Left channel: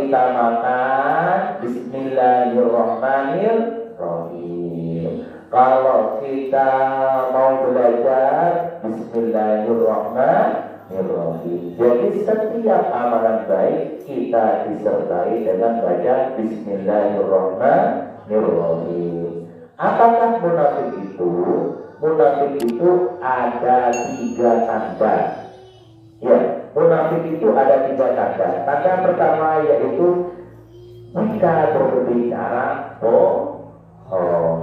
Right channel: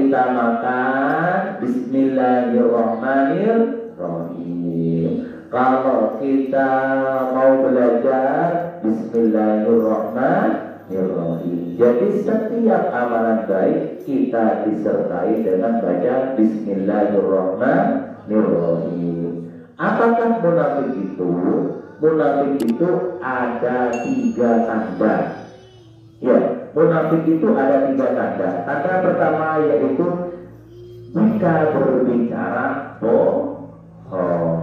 kita makan, Bismillahirrahmanirrahim. Kalau kita mau belajar, Bismillahirrahmanirrahim. Jadi setiap amalan baik kita disertai dengan baca Bismillahirrahmanirrahim. Apakah munafik itu? Munafik itu ada 3 tanda. Ya, munafik itu ada 3 tanda. Tanda pertama yaitu jika berbicara bohong.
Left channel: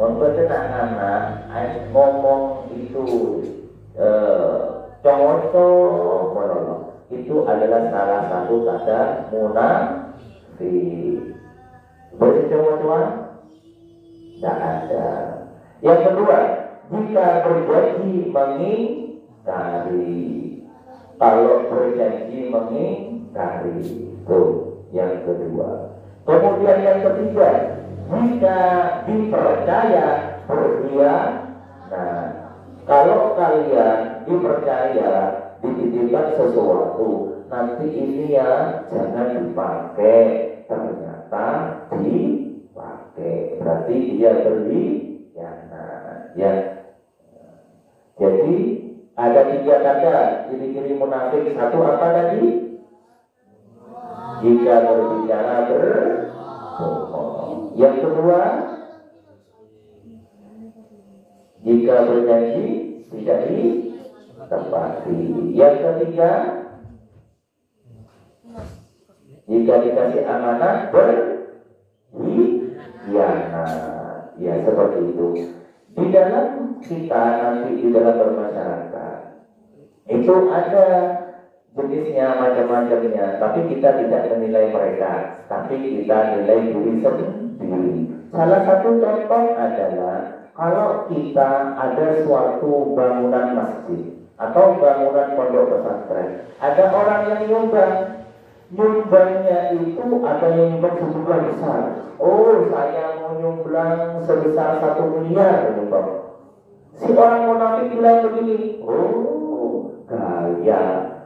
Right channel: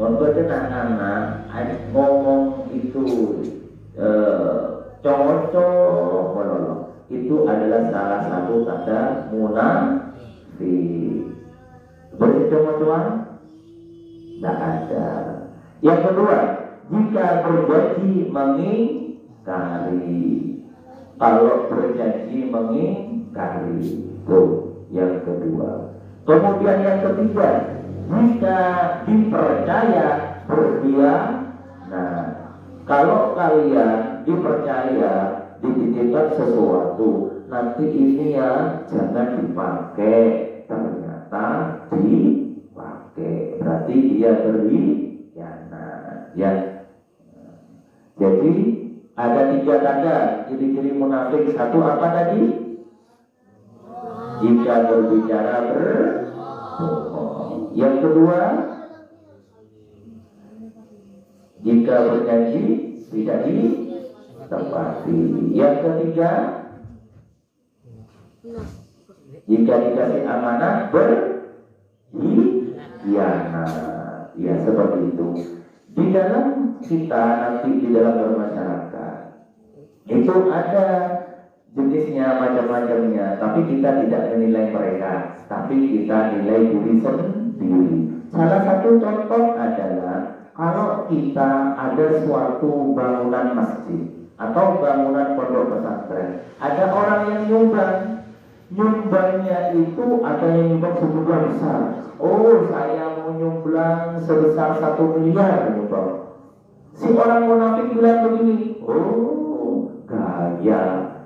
Untuk anak-anak ngomong itu cowok itu adalah salah satu tanda munafik. Berarti cowok-cowok tidak ada. Yang kedua, jika berjanji mengingkari. Kalau berjanji mengingkari, itu yang kedua. Kemudian yang ketiga, jika dipercaya berkhianat. Kalau kalian dipercaya dititipkan sesuatu, nanti ini ya jangan dipakai, ternyata dipakai, berarti dia berkhianat. Ya. Jadi ada 3 tanda ciri-ciri munafik. Satu apa tadi? Jika berbicara berbohong. Yang kedua, jika berjanji tidak ditepati. Yang ketiga, jika dikasih amanah berkhianat. Ya, seperti itu. Di dalam kita nanti di dalam bermasyarakat itu ada jenisnya, macam-macamnya, tapi kita tidak menilai mereka, tapi kita nilai diri sendiri. Salah satu contoh adalah kalau kita ada suatu bangunan masjid atau bangunan pondok pesantren, ada orang yang nyumbangnya itu ada yang nyumbang sejumlah besar. Oh, saya mau nyumbang sebesar 1 miliar nyumbang. Si orang munafik bilang begini, oh, kaya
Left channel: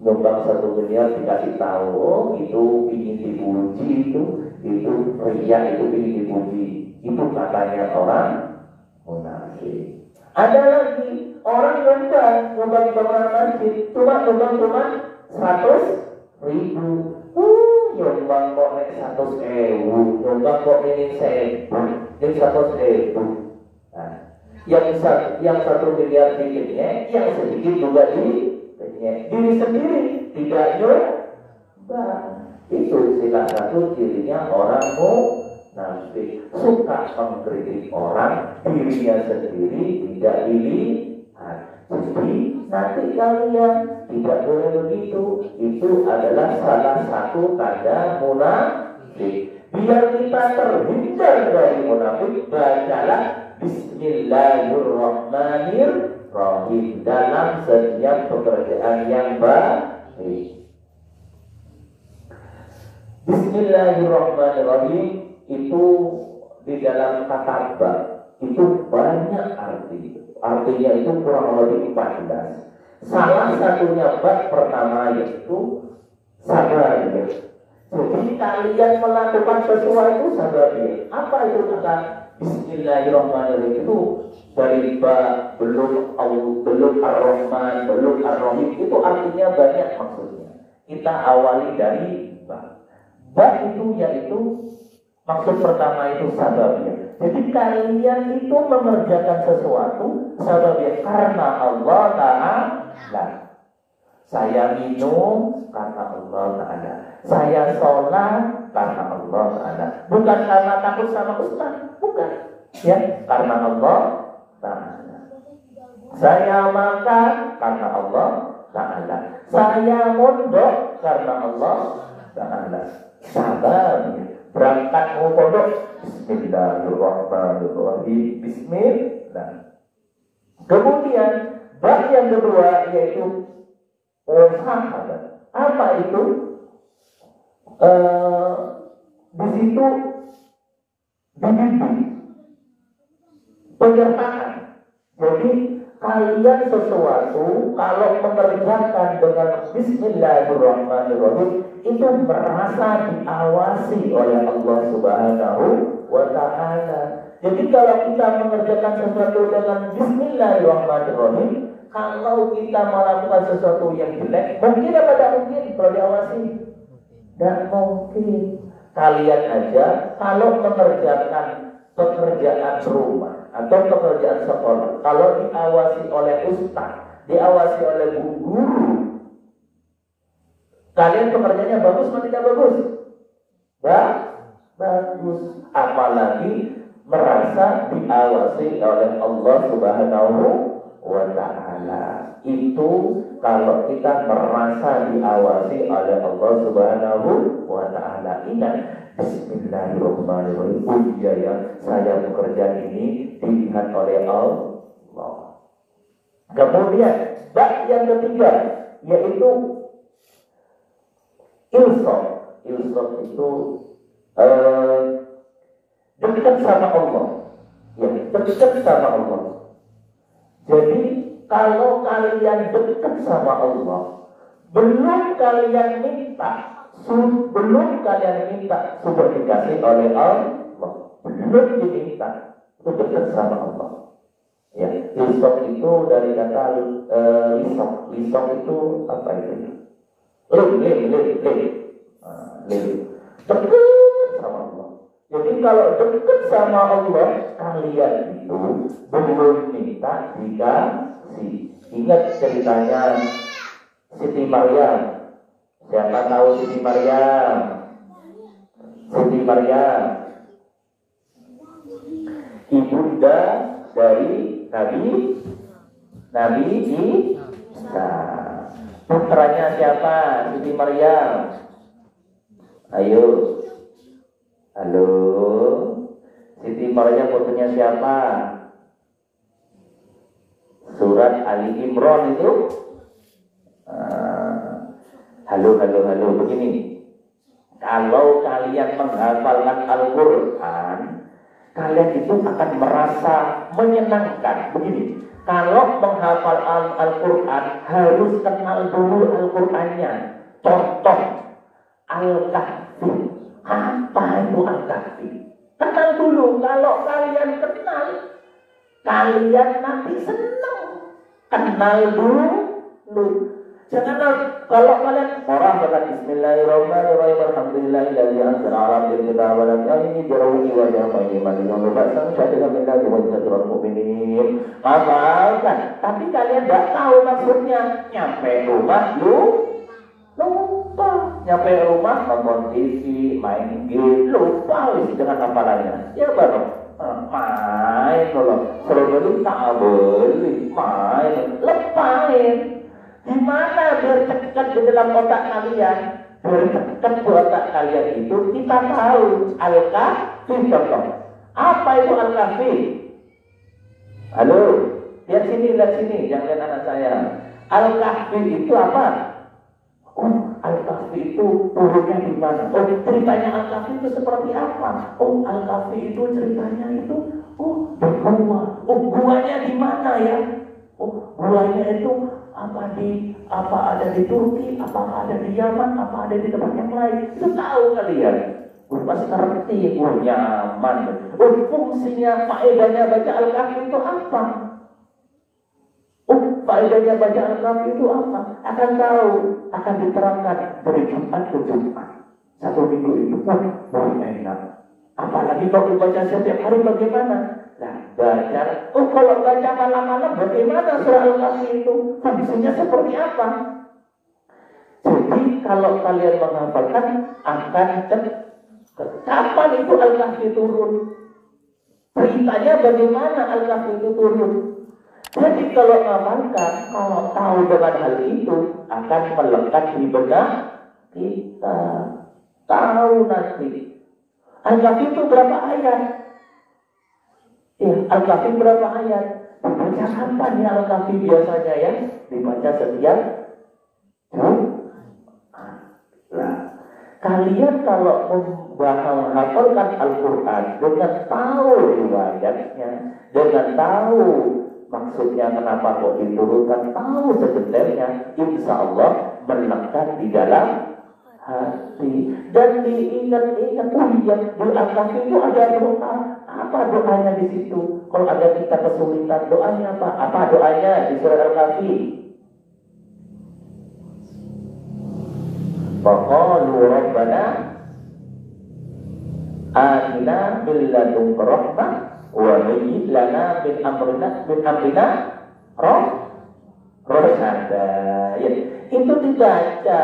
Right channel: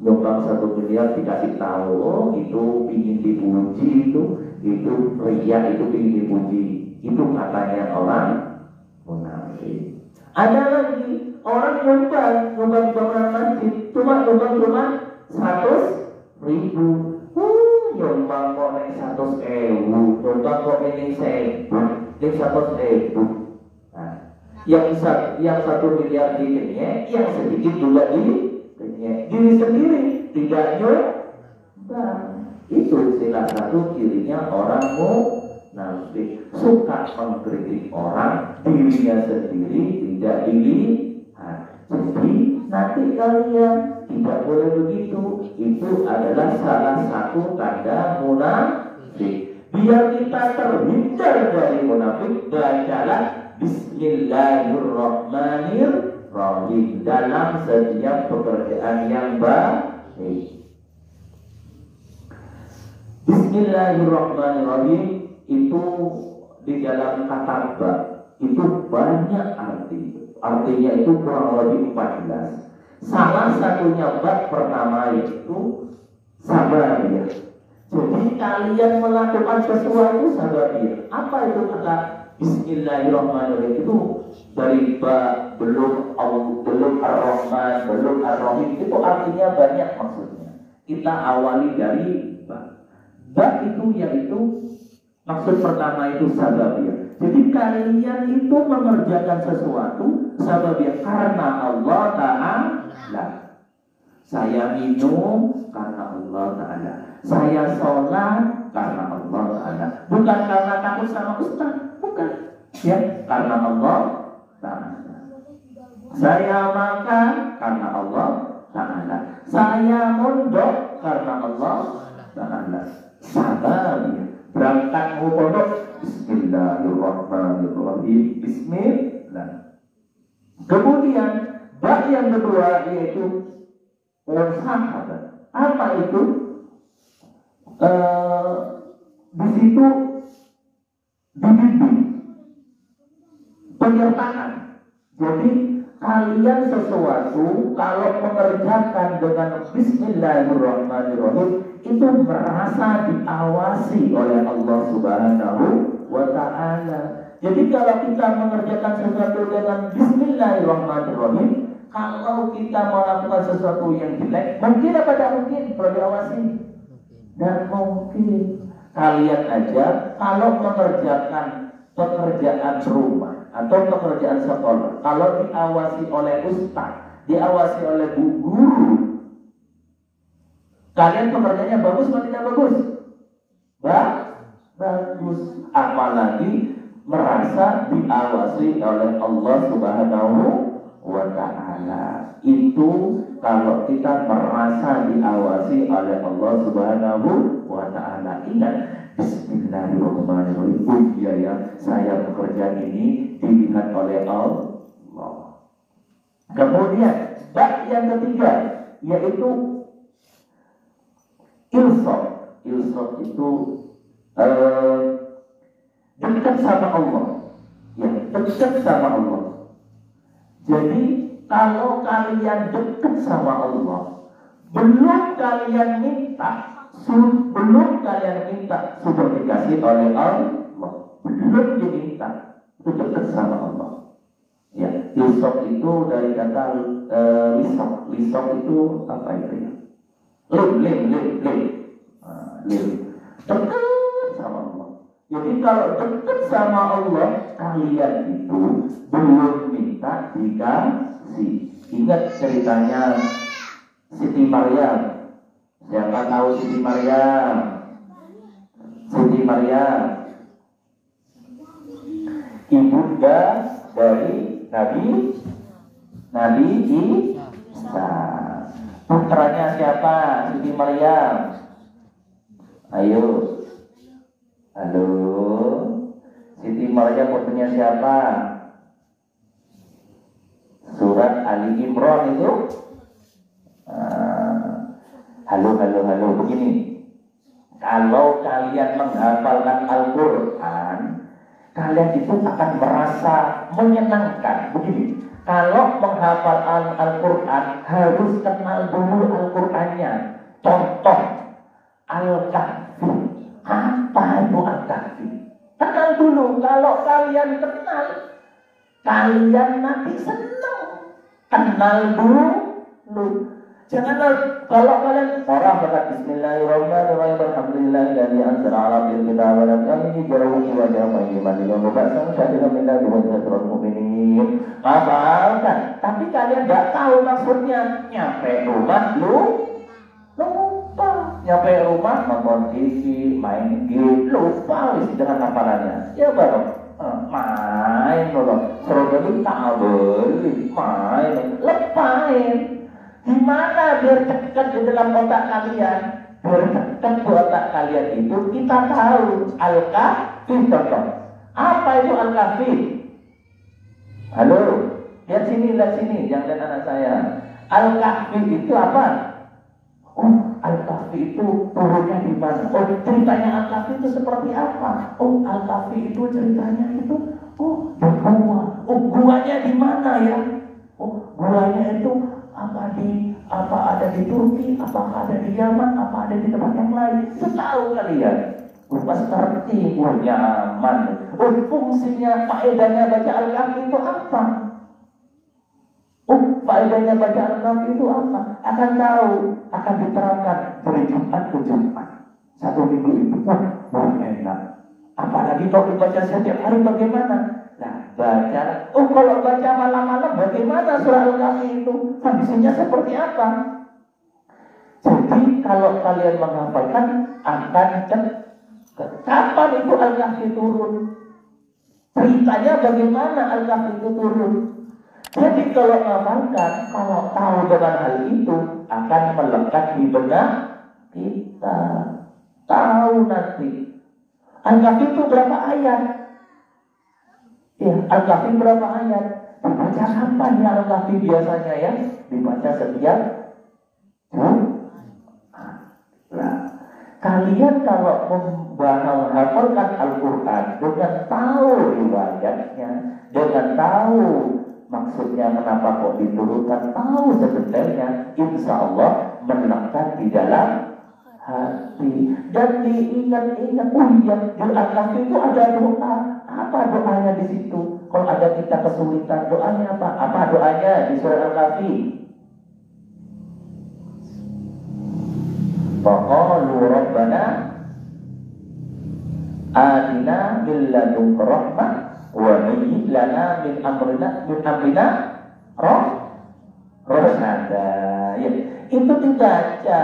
nyumbang 1 miliar dikasih tahu, oh itu ingin dipuji, itu ria, itu ingin dipuji. Itu katanya orang munafik. Ada lagi orang nyumbang di bangunan masjid, cuma 100.000. Nyumbang kok ini 100.000, nyumbang kok ini 100.000. Nah, yang 1 miliar dikitnya, yang sedikit juga diri sendiri tidak nyumbang. Itu salah satu cirinya orang munafik, suka mengkritik orang, dirinya sendiri tidak dilihat. Jadi nanti kalian tidak boleh begitu. Itu adalah salah satu tanda munafik. Biar kita terhindar dari munafik, bacalah Bismillahirrahmanirrahim dalam setiap pekerjaan yang baik. Bismillahirrahmanirrahim itu di dalam kata bab itu banyak artinya itu kurang lebih 14. Salah satunya bab pertama yaitu sabar. Jadi kalian melakukan sesuatu sabar. Apa itu kata Bismillahirrahmanirrahim? Itu dari bab belum ar-Rahman, belum ar-Rahim, itu artinya banyak maksudnya. Kita awali dari bab itu yaitu maksud pertama itu sababiyah. Jadi kalian itu mengerjakan sesuatu sababiyah karena Allah Ta'ala. Saya minum karena Allah Ta'ala. Saya sholat karena Allah Ta'ala. Bukan karena takut sama Ustaz, bukan. Ya, karena Allah Ta'ala. Saya makan karena Allah Ta'ala. Saya mondok karena Allah Ta'ala. Sabar, berangkat mau pondok, Bismillahirrahmanirrahim, Bismillah. Kemudian bab yang kedua yaitu musahadah. Apa itu? Di situ dibimbing, penyertaan. Jadi kalian sesuatu kalau mengerjakan dengan Bismillahirrahmanirrahim itu merasa diawasi oleh Allah Subhanahu wa Ta'ala. Jadi kalau kita mengerjakan sesuatu dengan Bismillahirrahmanirrahim, kalau kita melakukan sesuatu yang jelek, mungkin apa tidak mungkin kalau diawasi? Dan mungkin. Kalian aja kalau mengerjakan pekerjaan rumah atau pekerjaan sekolah, kalau diawasi oleh ustaz, diawasi oleh bu guru, kalian pekerjaannya bagus atau tidak bagus? Bagus. Apalagi merasa diawasi oleh Allah Subhanahu wa Ta'ala. Itu kalau kita merasa diawasi oleh Allah Subhanahu wa Ta'ala. Ingat, Bismillahirrahmanirrahim. Ujian ya, saya bekerja ini dilihat oleh Allah. Kemudian bab yang ketiga yaitu ilsaf. Ilsaf itu dekat sama Allah. Ya, dekat sama Allah. Jadi kalau kalian dekat sama Allah, belum kalian minta sudah dikasih oleh Allah. Belum diminta, itu dekat sama Allah. Ya, lisok itu dari kata lisok itu apa itu ya? Lim. Dekat sama Allah. Jadi kalau dekat sama Allah, kalian itu belum minta dikasih. Ingat ceritanya Siti Maryam. Siapa tahu Siti Maryam? Siti Maryam, ibunda dari Nabi Isa. Putranya siapa? Siti Maryam. Ayo. Halo. Siti Maryam putranya siapa? Surat Ali Imran itu. Halo. Begini. Kalau kalian menghafalkan Al-Quran, kalian itu akan merasa menyenangkan. Begini. Kalau menghafal Al-Quran, harus kenal dulu Al-Qurannya. Contoh, Al-Kahfi. Apa itu Al-Kahfi? Kenal dulu. Kalau kalian kenal, kalian nanti senang. Kenal dulu. Jangan kalau kalian orang berkata Bismillahirrahmanirrahim, Alhamdulillahilladzi anzala 'ala 'abdihi al-kitaba wa lam yaj'alhu iwajan qayyiman liyunzira ba'san syadidan min ladunhu mu'minin. Hafalkan, tapi kalian tidak tahu maksudnya. Nyampe rumah lupa. Nyampe rumah nonton TV, main game, lupa isi dengan hafalannya. Ya baru main loh. Seru beli tak beli, main lepain. Gimana biar dekat di dalam otak kalian? Biar dekat di otak kalian itu kita tahu Al-Kahfi. Apa itu Al-Kahfi? Halo, lihat sini, jangan lihat anak saya. Al-Kahfi itu apa? Oh, Al-Kahfi itu turunnya di mana? Oh, ceritanya Al-Kahfi itu seperti apa? Oh, Al-Kahfi itu ceritanya itu di gua. Oh, guanya di mana ya? Oh, guanya itu apa ada di Turki, apa ada di Yaman, apa ada di tempat yang lain. Itu tahu kalian. Pasti ngerti, nyaman. Fungsinya, faedahnya baca Al-Kahfi itu apa? Faedahnya baca Al-Kahfi itu apa? Akan tahu, akan diterangkan dari Jumat ke Jumat. Satu minggu itu enak. Apalagi kalau dibaca setiap hari bagaimana? Nah, baca. Kalau baca malam-malam bagaimana surah Al-Kahfi itu? Kondisinya seperti apa? Jadi kalau kalian menghafalkan akan kapan itu Al-Kahfi turun? Ceritanya bagaimana Al-Kahfi itu turun? Jadi kalau menghafalkan, kalau tahu dengan hal itu akan melekat di benak kita. Tahu nanti Al-Kahfi itu berapa ayat? Ya, Al-Kahfi berapa ayat? Dibaca kapan ya Al-Kahfi biasanya ya? Dibaca setiap Nah, kalian kalau menghafalkan Al-Quran dengan tahu riwayatnya, dengan tahu maksudnya kenapa kok diturunkan, tahu sebenarnya, insya Allah melekat di dalam hati. Dan diingat-ingat, di Al-Kahfi itu ada doa. Apa doanya di situ? Kalau ada kita kesulitan, doanya apa? Apa doanya di surah Al-Kahfi? Faqalu rabbana atina min ladunka rahmah wa hayyi lana min amrina rasyada. Ya, itu dibaca.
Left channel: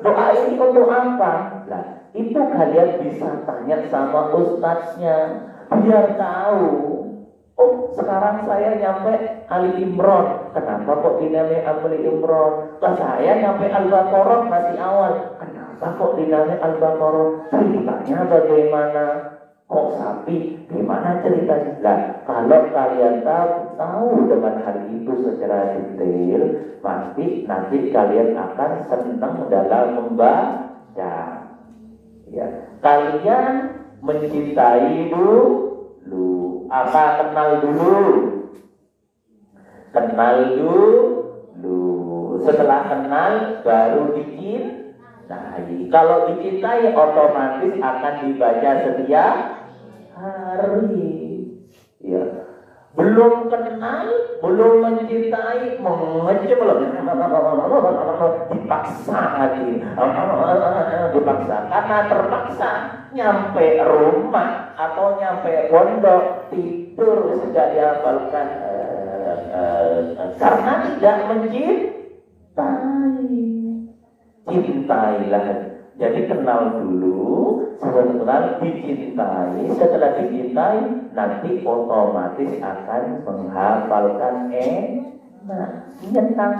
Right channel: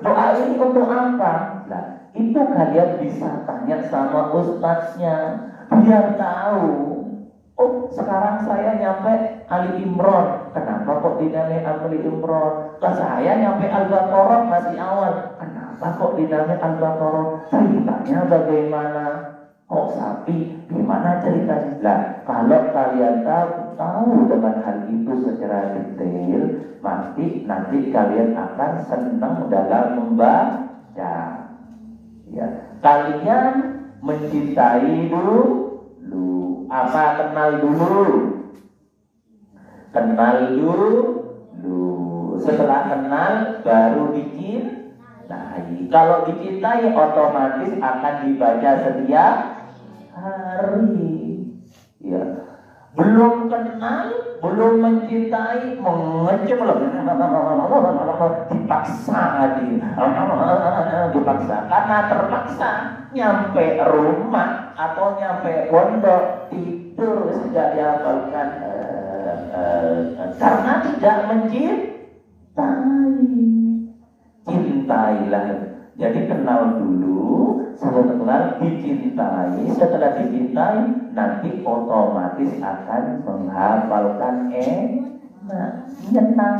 Doa ini untuk apa? Nah, itu kalian bisa tanya sama ustadznya biar tahu. Oh, sekarang saya nyampe Ali Imran. Kenapa kok dinamai Ali Imran? Lah saya nyampe Al-Baqarah masih awal. Kenapa kok dinamai Al-Baqarah? Ceritanya bagaimana? Kok sapi? Gimana ceritanya? Nah, kalau kalian tahu dengan hal itu secara detail, nanti kalian akan senang dalam membaca. Ya, kalian mencintai dulu. Apa kenal dulu? Kenal dulu. Setelah kenal baru dicintai. Kalau dicintai otomatis akan dibaca setiap hari. Ya. Belum kenal, belum mencintai, mengecek dipaksa karena terpaksa nyampe rumah atau nyampe pondok tidur sudah dihafalkan karena tidak mencintai. Cintailah. Jadi kenal dulu, setelah dicintai, setelah dicintai nanti otomatis akan menghafalkan senang,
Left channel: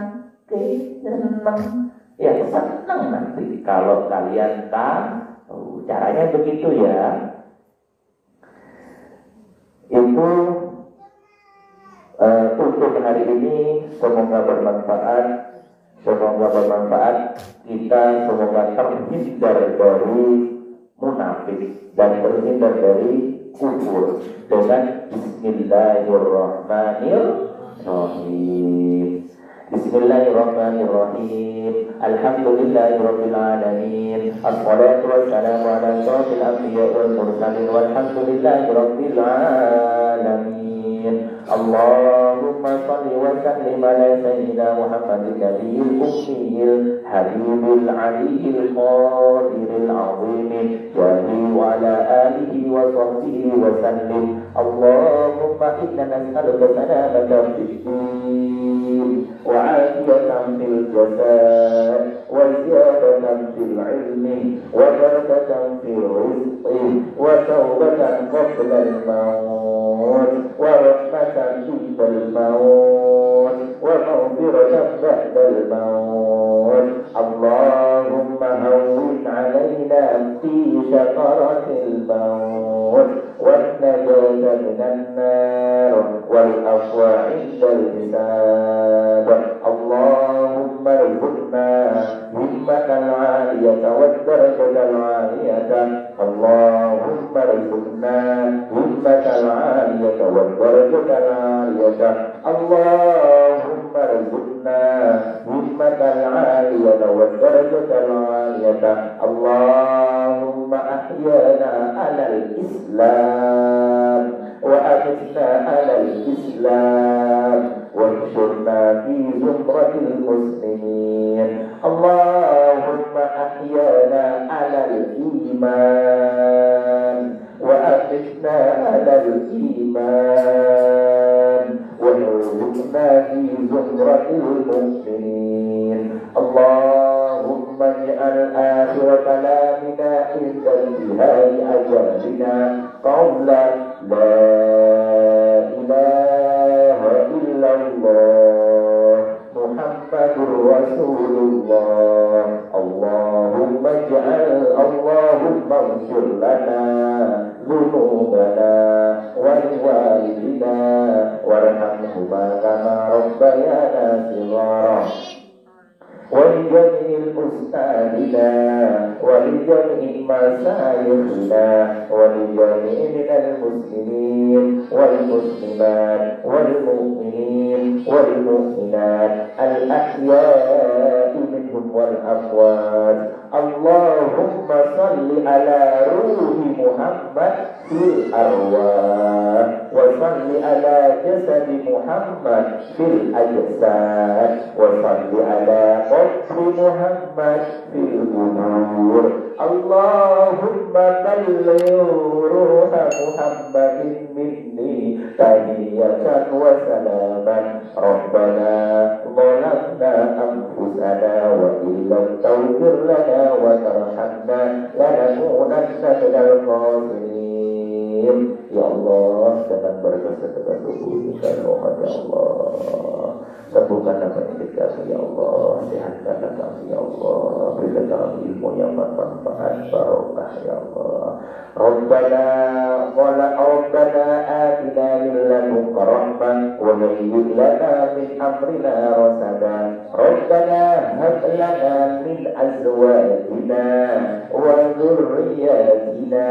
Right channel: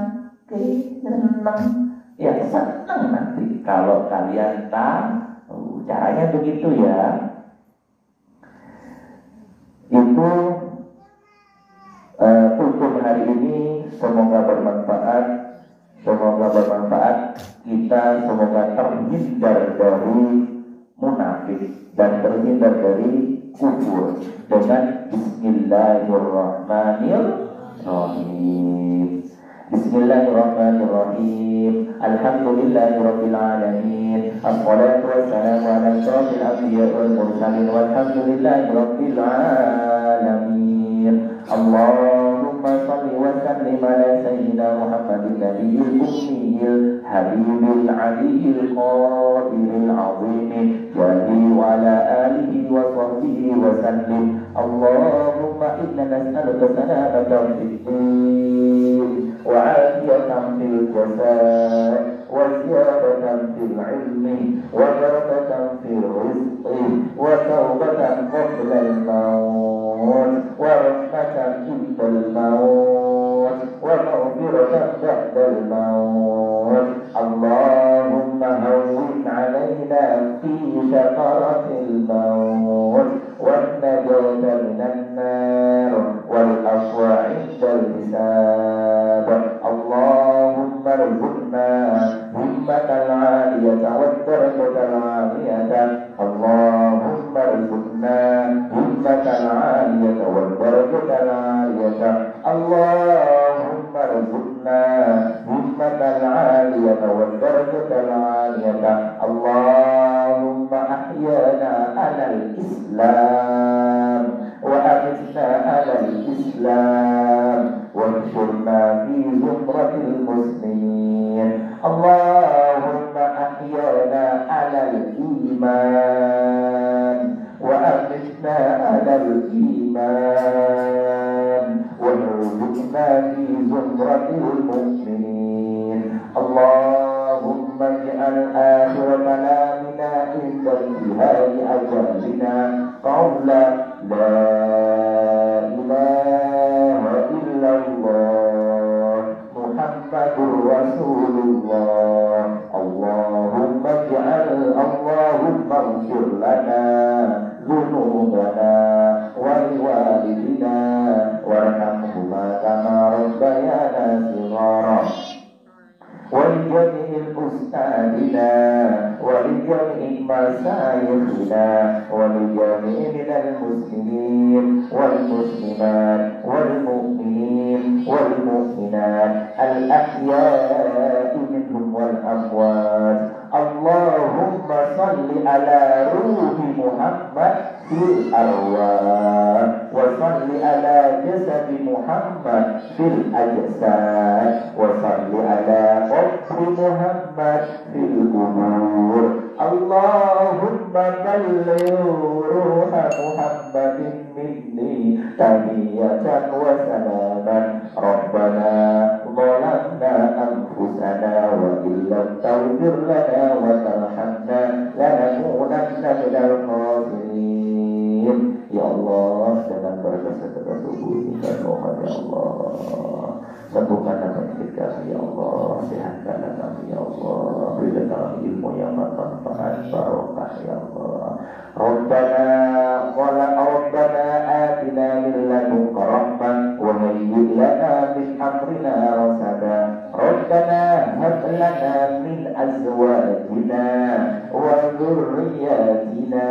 ya senang nanti kalau kalian tahu. Caranya begitu ya. Itu untuk hari ini semoga bermanfaat. Kita semoga terhindar dari munafik dan terhindar dari kufur dengan Bismillahirrahmanirrahim. Bismillahirrahmanirrahim. Alhamdulillahirabbil alamin. Assalatu wassalamu ala asyrofil anbiya'i wal mursalin walhamdulillahirabbil alamin. Allahumma salli wa sallim ala sayyidina Muhammadin nabiyil ummiyil habibul aliyil qadiril azim jahi wa ala alihi wa sahbihi wa sallim. Allahumma inna nas'aluka salamatan fid din wa 'afiyatan fil jasad wa ziyadatan fil ilmi wa barakatan fil rizqi wa tawbatan qabla al-maut wa rahmatan indal maut wa maghfiratan ba'dal maut. Allahumma hawwin 'alaina fi sakaratil maut wan najata minan nar wal afwa 'indal hisab. Allahumma arzuqna himmatal 'aliyata wad darajatal 'aliyata. Allahumma arzuqna himmatal 'aliyata wad darajatal 'aliyata. Allahumma arzuqna himmatal 'aliyata wad darajatal 'aliyata. Allahumma ahyana 'alal Islam wa amitna 'alal Islam wansurna fi zumratil muslimin. Allahumma ahyana 'alal iman wa amitna 'alal iman wansurna fi zumratil mu'minin. Allahumma ij'al akhir kalamina inda intihai ajalina qawlan la ilaha illallah Muhammadur Rasulullah. Allahumma ighfir lana dhunubana wa liwalidina warhamhuma kama rabbayana shighara. ولجميع أستاذنا ولجميع مشايخنا ولجميع من المسلمين والمسلمات والمؤمنين والمؤمنات الأحياء منهم والأموات. Allahumma salli ala ruhi Muhammad fil arwah wa salli ala jasadi Muhammad fil ajsad wa salli ala qabri Muhammad fil qubur. Allahumma balligh ruha Muhammadin minni tahiyatan wa salaman. Rabbana zalamna anfusana wa illam taghfir lana wa tarhamna lanakunanna minal khasirin. Ya Allah, dengan berkat sedekah tubuh kita, mohon ya Allah, sembuhkanlah penyakit kami ya Allah, sehatkanlah kami ya Allah, berikan kami ilmu yang bermanfaat, barokah ya Allah. Rabbana atina min ladunka rahmah wa hayyi' lana min amrina rasada. Rabbana hab lana min azwajina wa dhurriyyatina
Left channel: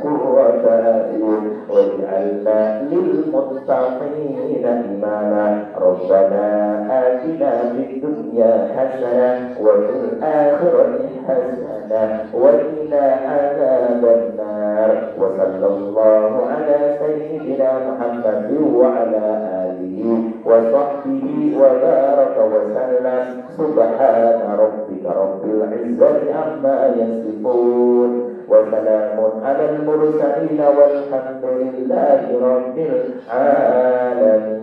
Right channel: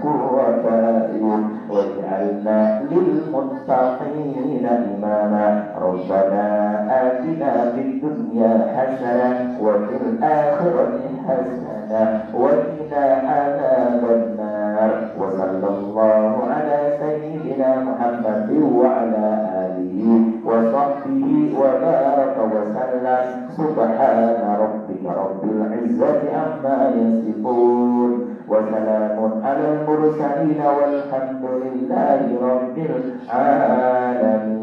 qurrata a'yun waj'alna lil muttaqina imama. Rabbana atina fid dunya hasanah wa fil akhirati hasanah wa qina adzaban nar. Wa sallallahu ala sayyidina Muhammadin wa ala alihi wa sahbihi wa baraka wa sallam. Subhana rabbika rabbil izzati amma yasifun wa salamun alal mursalin walhamdulillahi rabbil alamin.